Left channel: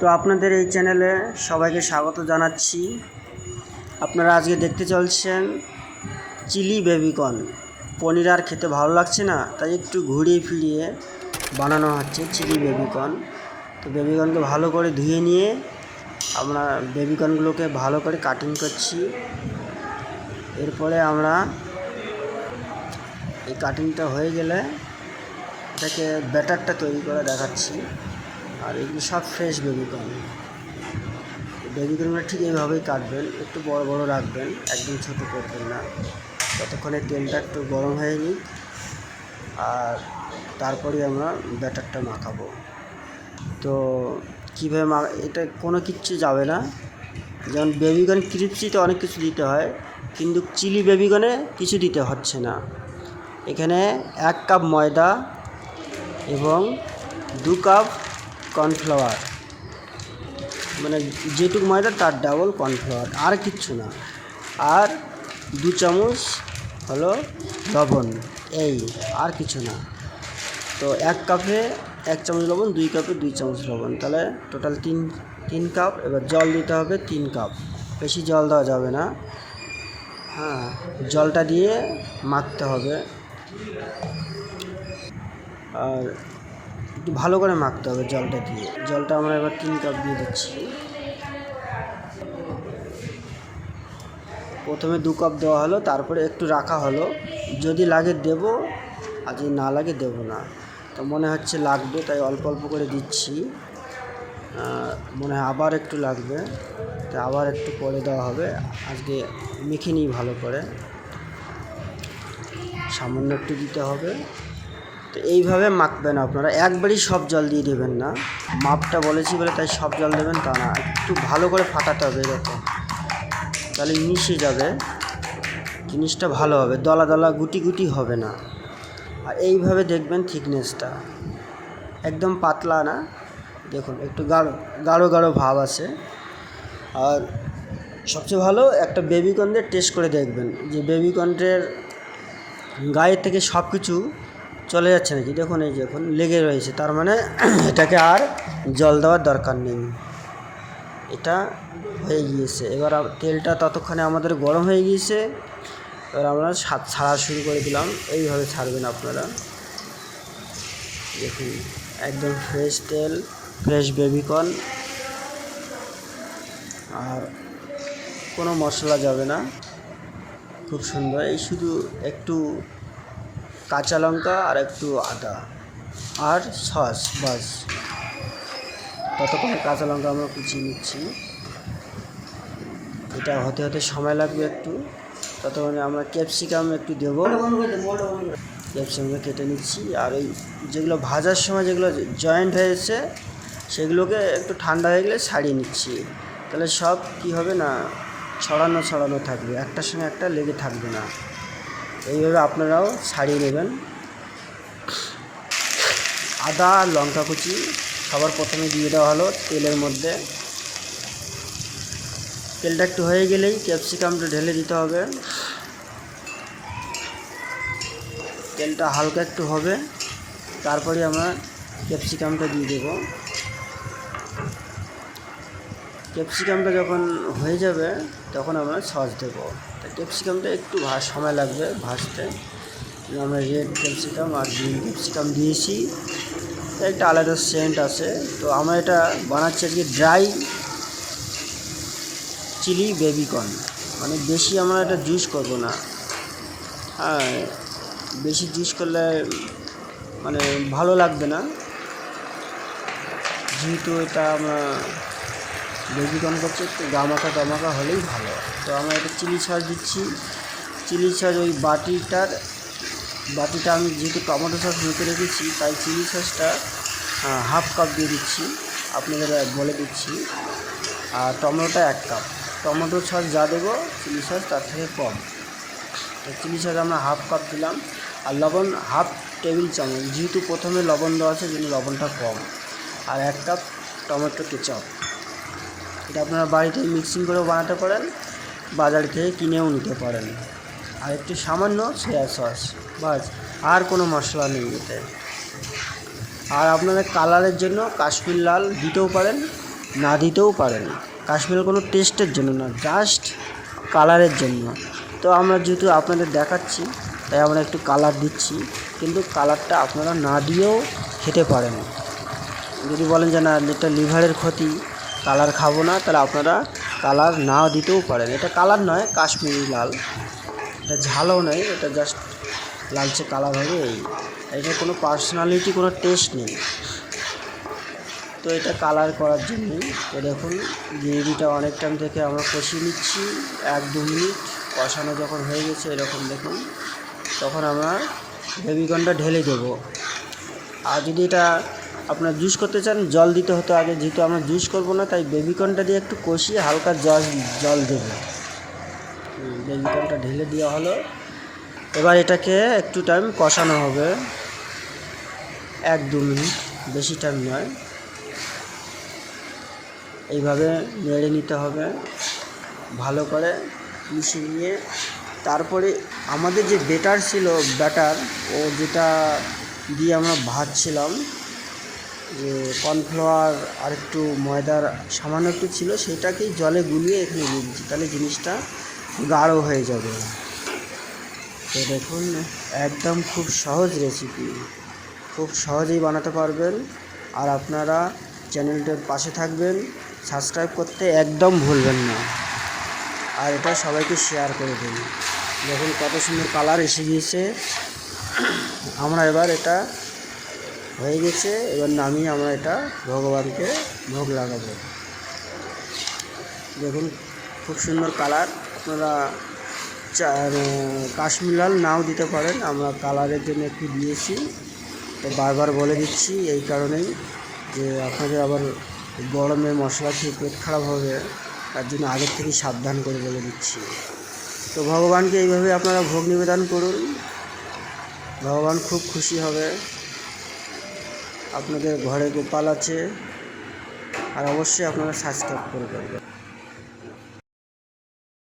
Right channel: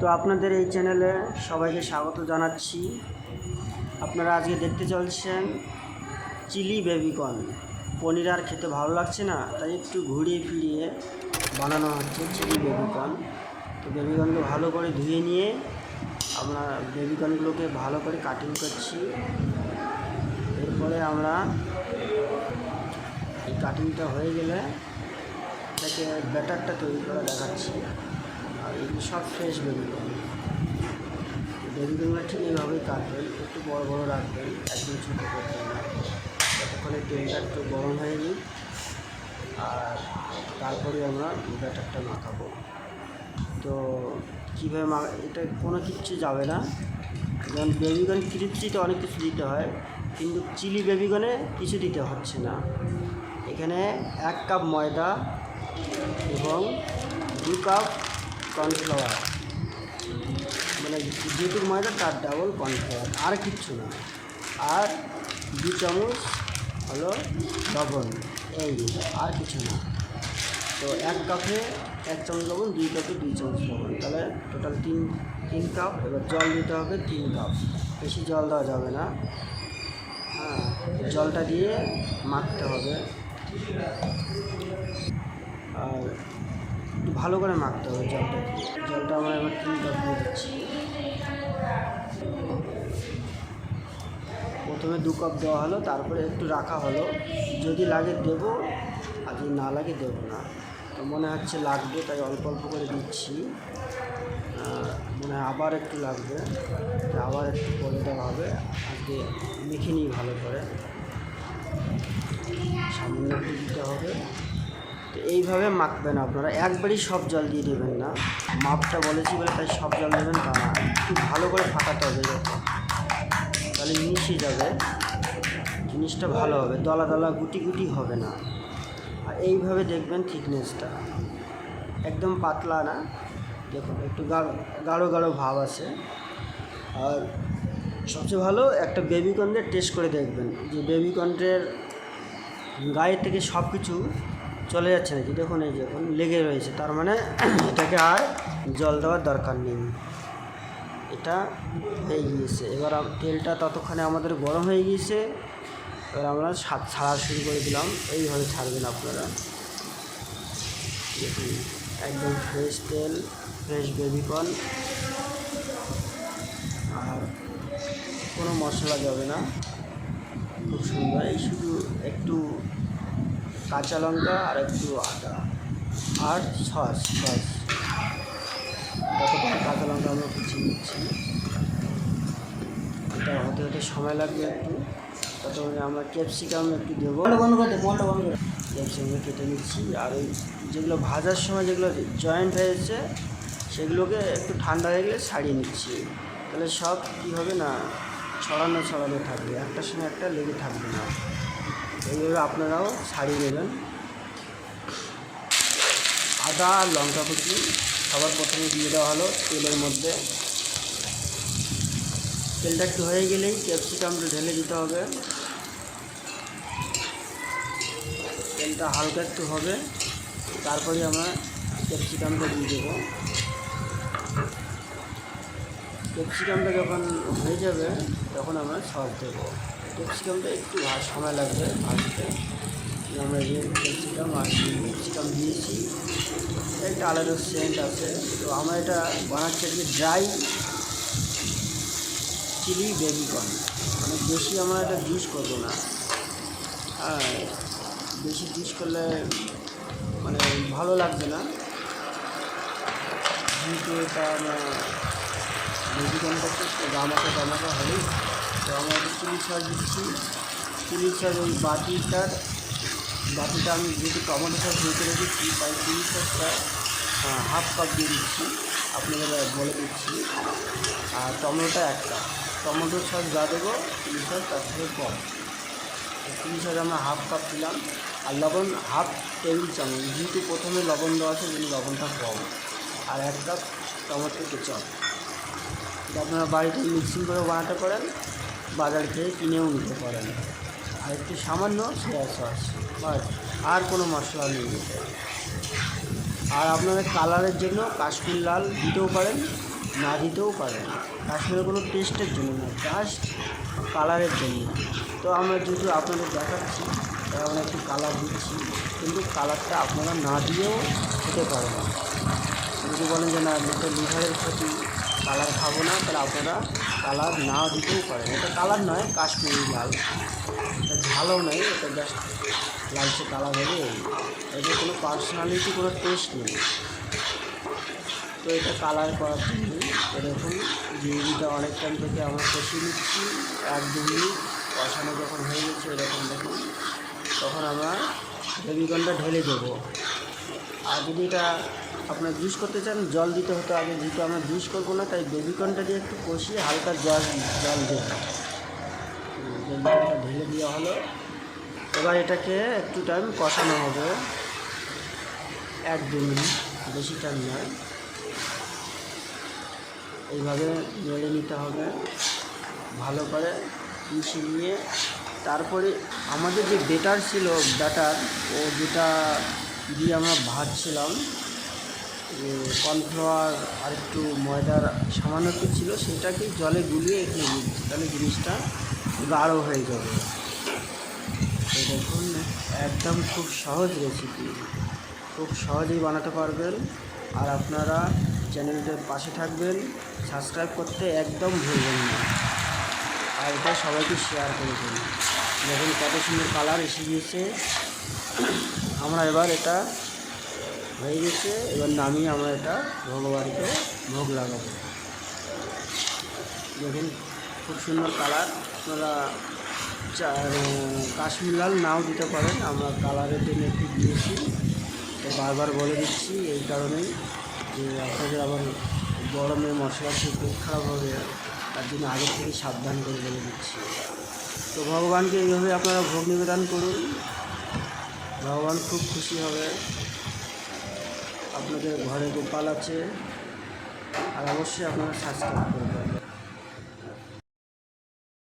তো আপনাদের এই চ্যানেলে সবাইকে স্বাগত জানাচ্ছি। আপনারা আজকে দেখতে চলছেন চিলি বেবিকর্ন। পনির আর খেতে ভালো লাগছে না, তাই একটু ঘুরিয়ে ফিরিয়ে বানানো হচ্ছে চিলি বেবিকর্ন। তো বেবিকর্নকে ভালো করে ধুয়ে নিয়ে আমরা বেবিকর্নগুলোকে ভালো করে কাটিং করছি। এরপরে আমরা এই কাটিংটা হয়ে গেলে এটাকে ব্যাটারটা তৈরি করে দেখাচ্ছি। আর এগুলো সব ফ্রেশ বেবিকর্ন বেবিকর্নগুলো ঠিক এইভাবেই কাটবেন, একটু বড় বড় রাখবেন, একদম ছোটো করবেন না। ততক্ষণে তেলটা একটু গরম হয়ে নিক, আর তারপরে আমরা ব্যাটারটা মাখাবো। তো কীভাবে মা, এটা কোনো কিচ্ছু যাবে না। যেমন বেবিগন ক্রিপসিতে অনেক কিছু দিতে হয়, কিন্তু চিলি বেবিগনে কিছু দিতে হচ্ছে না। এখানে এক কাপ ময়দা এবং দু কাপ কর্নফ্লাওয়ার। মানে যেটুকু ময়দা, তার ডাবল কর্নফ্লাওয়ার। আর কিচ্ছু না। আর দু চামচ হলো লবণ। এই, আর কিছু না। তো এক কাপে এক চামচ লবণ, দুই কাপে দুই চামচ লবণ। তাহলে টোটাল তিন তিন কাপ। এবার জল দিতে হবে তিন কাপ। বেশি জল দেওয়া যাবে না। হ্যাঁ জলটা দিয়ে মাখতে হবে। আর একটু ভালো করে মাখতে হবে জলটা দিয়ে। জলটা আমরা এবার তিন কাপ দিয়ে দিচ্ছি। প্রথমে দু কাপ দেওয়া হলো, তারপরে একটু রাখা হলো। যদি লাগে দেব, আর যদি না লাগে দেব না। তো মনে হচ্ছে লাগবে, তাই অল্প অল্প করে দিচ্ছি। মনে হয় আবার একটু লাগবে। তো আবার একটু পরে দেওয়া হবে। আজকে মেখে নিই ভালো করে। সামান্য একটু দিতে হবে। তো এইভাবে মাখবেন আপনারা। একবারই সব জল দিয়ে দেবেন না। মাপটা বলেছি বলে তাই সব জল দেবেন তা না। একটু ভালো করে ফাটাতে হবে এরকম। তাহলে মিশে যাবে। জিনিসটা ভালো হবে। দলা দলা গুটি গুটি হবে না। আর এইভাবে দেখবেন থিকনেসটা। একদম পাতলা না। দেখুন, একটু গাঢ় গাঢ় গাঢ় ভাব আছে। আর সবচেয়ে ভালো একটা বেবিকর্নের টেস্ট করে দেখবেন। যে বেবিকর্নের গায়ের থেকে সব কিছু চলে যাচ্ছে নাকি? দেখুন এই দেখুন লেগে রয়েছে, তার মানে এটাকে আর জল দেওয়ার দরকার নেই। এটা হয়ে গিয়েছে। এবার তেলটা ততক্ষণে আমাদের গরম হয়ে গিয়েছে। এবার আমরা ছাড়া শুরু করে দিলাম। এইভাবে ছাড়বেন আপনারা। দেখুন, একদম ফ্রেশ তেল ফ্রেশ বেবিকর্ন আর কোনো মশলা যাবে না। খুব সুন্দর। এই শুধু একটু কাঁচা লঙ্কা আর একটু আদা। আর সস, বাস। ততক্ষণ কাঁচা লঙ্কা আমরা কুচিয়ে নিচ্ছি। এটা হতে হতে সময় লাগবে একটু। ততক্ষণে আমরা ক্যাপসিকাম একটু দেবো। ক্যাপসিকামকে কেটে নিচ্ছি। আর এই যেগুলো ভাজার সময় যেগুলো জয়েন্ট হয়েছে সেগুলোকে একটু ঠান্ডা হয়ে গেলে ছাড়িয়ে নিচ্ছি। তাহলে সব কী হবে না, ছড়ানো ছড়ানো থাকবে। একটার সঙ্গে একটা লেগে থাকবে না। এইভাবে আপনারাও ছাড়িয়ে নেবেন। আদা আর লঙ্কা কুচি সবার প্রথমে দিয়ে দেওয়া হলো তেলের মধ্যে। তেলটা একটু হয়ে গেলেই ক্যাপসিকামটা ঢেলে দিতে হবে। তেলটা হালকা একটু হবে, তারপরে আমরা ক্যাপসিকামটা দিয়ে দেবো। ক্যাপসিকামটা যখন হয়ে যাবে, তখন আমরা সস দেবো। ক্যাপসিকামটা একটু সময় লাগবে ভাজতে। আমরা রেড ক্যাপসিকাম আর গ্রিন ক্যাপসিকাম দিয়েছি, একটা আলাদা সেন্ট আছে। তো আমরা এটা বানাচ্ছি আজকে ড্রাই চিলি বেবিকর্ন মানে বেশি আমরা এটা জুস করব না। হ্যাঁ বেশি জুস করলে মানে ভালো লাগবে না। যেহেতু এটা আমরা বেবিকর্ন করছি একটু গামাকা গামাকা হলেই ভালো। তো আমরা এটা চিলি সস দিচ্ছি। চিলি সস ওই বাটিটার, বাটিটা আমি যেহেতু টমেটো সস মেখে রেখেছি, তাই চিলি সসটা হাফ কাপ দিয়ে দিচ্ছি। আপনাদের বলে দিচ্ছি। আর টমেটোটা এক কাপ টমেটো সস যা দেবো, চিলি সস তার থেকে কম। চিলি সস আমরা হাফ কাপ দিলাম। আর লবণ হাফ টেবিল চামচ, যেহেতু প্রথমে লবণ দেওয়া আছে যেন লবণটা কম। আর এক কাপ টমেটো কেচাপ। এটা আপনারা বাড়িতে মিক্সিং করেও বানাতে পারেন। বাজার থেকে কিনেও নিতে পারেন। আর একটু সামান্য সয়া সস বাস, আর কোনো মশলা নেই এতে। আর আপনাদের কালারের জন্য কাশ্মীর লাল দিতেও পারেন, না দিতেও পারেন। কাশ্মীরের কোনো টেস্টের জন্য না জাস্ট কালারের জন্য। তো আমরা যেহেতু আপনাদের দেখাচ্ছি, তাই আমরা একটু কালার দিচ্ছি, কিন্তু কালারটা আপনারা না দিয়েও খেতে পারেন। যদি বলেন যে না এটা লিভারের ক্ষতি কালার খাব না, তাহলে আপনারা কালার না দিতেও পারেন। এটা কালার নয়, কাশ্মীরি লাল। এটা ঝালও নেই, এটা জাস্ট লালচে কালার হবে এই। এটা কোনো পার্সোনালিটি কোনো টেস্ট নেই। তো এটা কালার করার জন্য, এ দেখুন, গ্রেভিটা অনেক টাইম থেকে আমরা কষিয়ে নিচ্ছি, এক দু মিনিট কষানো যখন হয়ে গেছে, এরকম দেখুন, তখন আমরা গ্রেভিকনটা ঢেলে দেবো। আর যদি এটা আপনার জুস করতে চান, জল দিতে হতো আগে, যেহেতু আমরা জুস করব না, তাই বেবিকনটা দিয়ে একটু কষিয়ে হালকা জল জল দেবো। বেবিকনটা ঢেলে দেওয়া হলো। এবার এটাকে একটু টাইম কষানো হবে। এক দু মিনিট, বেশি টাইম নয়। এইভাবে নেড়ে নিতে হবে। ভালো করে মিশিয়ে নিয়ে, তারপরে আমাদের যে বেটার ছিল ব্যাটার ও যেটা দিয়ে আমরা ভাজছিলাম। যে কর্নফ্লাওয়ার আর একটু ময়দার সামান্য একটু ছিল, সেটাকেই জলে গুলিয়ে এখানে দিচ্ছি। তাহলে জিনিসটা গাঢ় হয়ে যাবে। তো দেখুন, একদম খুব সহজ রেসিপি খুব সহজেই বানাতে পারবেন। আর আপনারা চ্যানেলটার পাশে থাকবেন সাবস্ক্রাইব করতে একদম ভুলবেন না। আর এটা সবাইকে শেয়ার করে দিন। দেখুন কত সুন্দর কালার এসে গিয়েছে। আমরা এবার এটা হয়ে গেছে, এবার নামিয়ে আমরা এটা ভগবানকে ভোগ লাগাবো। দেখুন, খুব সুন্দর কালার। আপনারা কাশ্মীর লাল নাও দিতে পারেন, আমরা কালারের জন্য একটু দিয়েছি। তো বারবার বলে দিচ্ছি এই কারণেই যে আপনাদের আবার গরমে মশলা খেয়ে পেট খারাপ হবে, তার জন্য আগের থেকে সাবধান করে বলে দিচ্ছি। তো ভগবানকে এইভাবে আপনারা ভোগ নিবেদন করুন। ভগবান খুব খুশি হবে। আপনাদের ঘরে গোপাল আছে আর অবশ্যই আপনারা সাবস্ক্রাইব করবেন